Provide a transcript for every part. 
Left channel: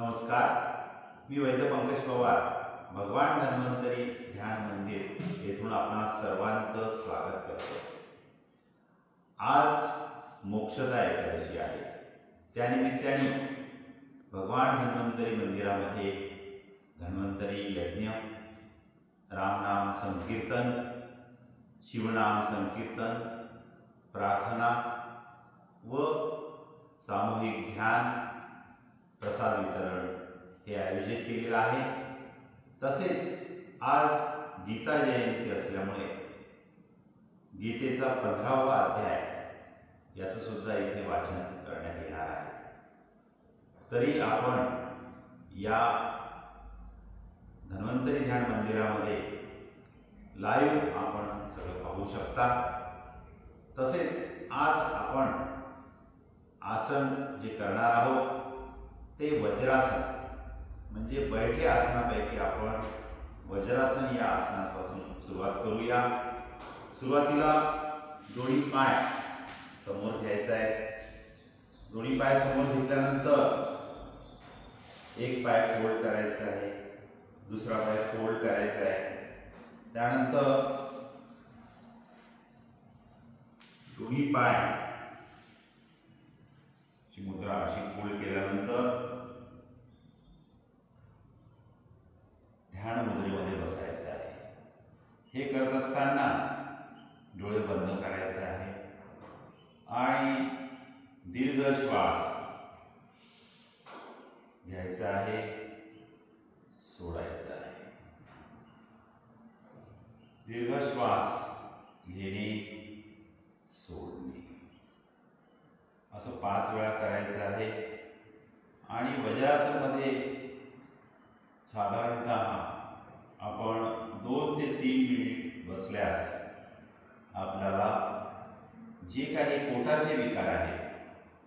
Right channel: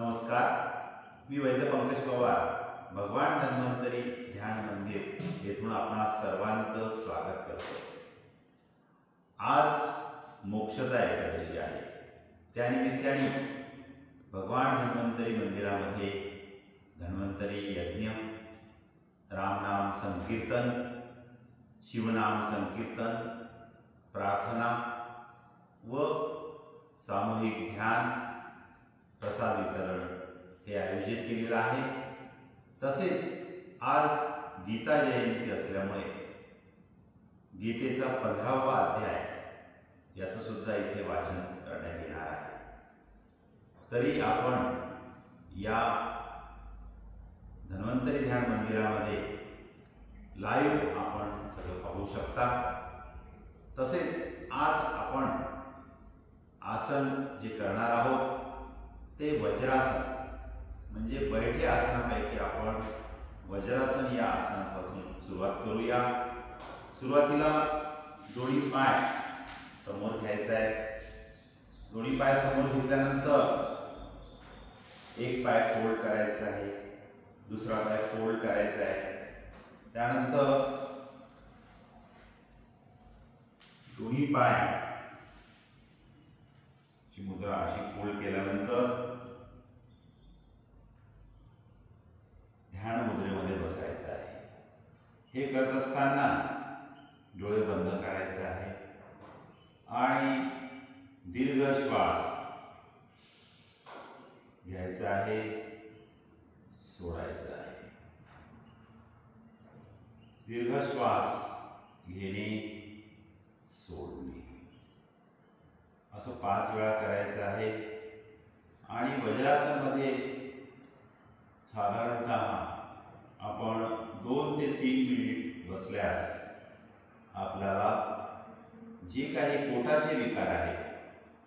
नमस्कार, मी वैद्य पंकज पवार, भगवान धन्वंतरी ध्यान मंदिर येथून आपणा सर्वांचं स्वागत करतो। आज मोक्षदा एकादशी आहे। त्यानिमित्ताने भगवान धन्वंतरी मंदिरामध्ये धन्वंतरी यज्ञ, रामनाम संकीर्तन, शिवनाम संकीर्तन, प्रार्थना व सामूहिक ध्यान, प्रसाद वितरण हे आयोजित केलेलं आहे। तसेच आज गीता जयंती असल्यामुळे गीतेचा 15वा अध्याय याचं सुद्धा इथे वाचन करण्यात येणार आहे। तरी आपण या धन्वंतरी ध्यान मंदिरामध्ये लाईव्ह आपण सगळं पाहू शकता। तसेच आज आपण आसन जे करणार आहोत ते वज्रासन, म्हणजे बैठे आसनापैकी आपण वज्रासन या आसनापासून सुरुवात करूया। सुरुवातीला दोन्ही पाय समोर घ्यायचा आहे। दोन्ही पाय समोर घेतल्यानंतर एक पाय फोल्ड करायचा आहे, दुसरा पाय फोल्ड करायचा आहे। त्यानंतर दोन्ही पाय ची मुद्रा अशी फोल्ड केल्यानंतर ध्यान मुद्रेमध्ये बसायचं आहे। हे करत असताना डोळे बंद करायचे आहे आणि दीर्घ श्वास घ्यायचा आहे, सोडायचा आहे। दीर्घ श्वास घेणे, सोडणे असं 5 वेळा करायचं आहे। आणि वज्रासनामध्ये साधारणतः आपण 2 ते 3 मिनिट बसल्यास आपल्याला जे काही पोटाचे विकार आहेत,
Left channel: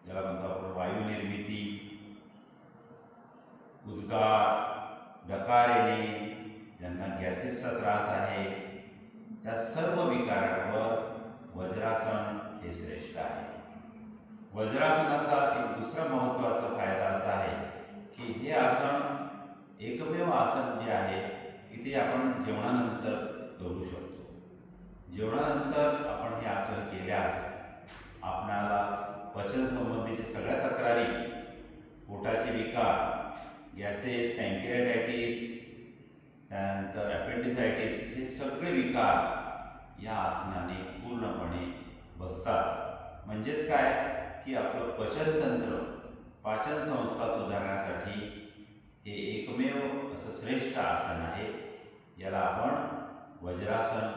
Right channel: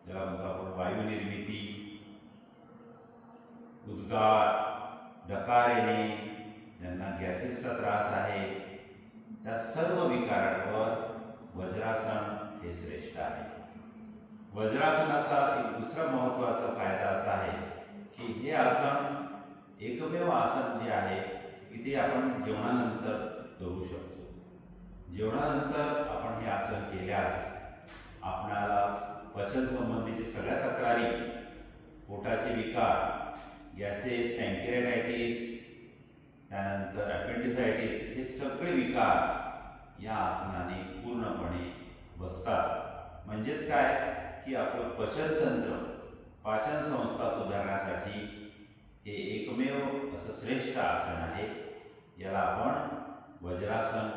ज्याला म्हणतो आपण वायू निर्मिती, उद्गार, डकार येणे, ज्यांना गॅसेसचा त्रास आहे, त्या सर्व विकारांवर वज्रासन हे श्रेष्ठ आहे। वज्रासनाचा एक दुसरा महत्त्वाचा फायदा असा आहे की हे आसन एकमेव आसन जे आहे की ते आपण जेवणानंतर करू शकतो। जेवणानंतर आपण हे आसन केल्यास आपणाला पचन संबंधीचे सगळ्या तक्रारी, पोटाचे विकार, गॅसेस, पॅन्क्रियाटायटिस, त्यानंतर अपेंडिसायटिस, हे सगळे विकार या आसनाने पूर्णपणे बसतात। म्हणजेच काय की आपलं पचनतंत्र, पाचन संस्था सुधारण्यासाठी हे एकमेव असं श्रेष्ठ आसन आहे। याला आपण वज्रासन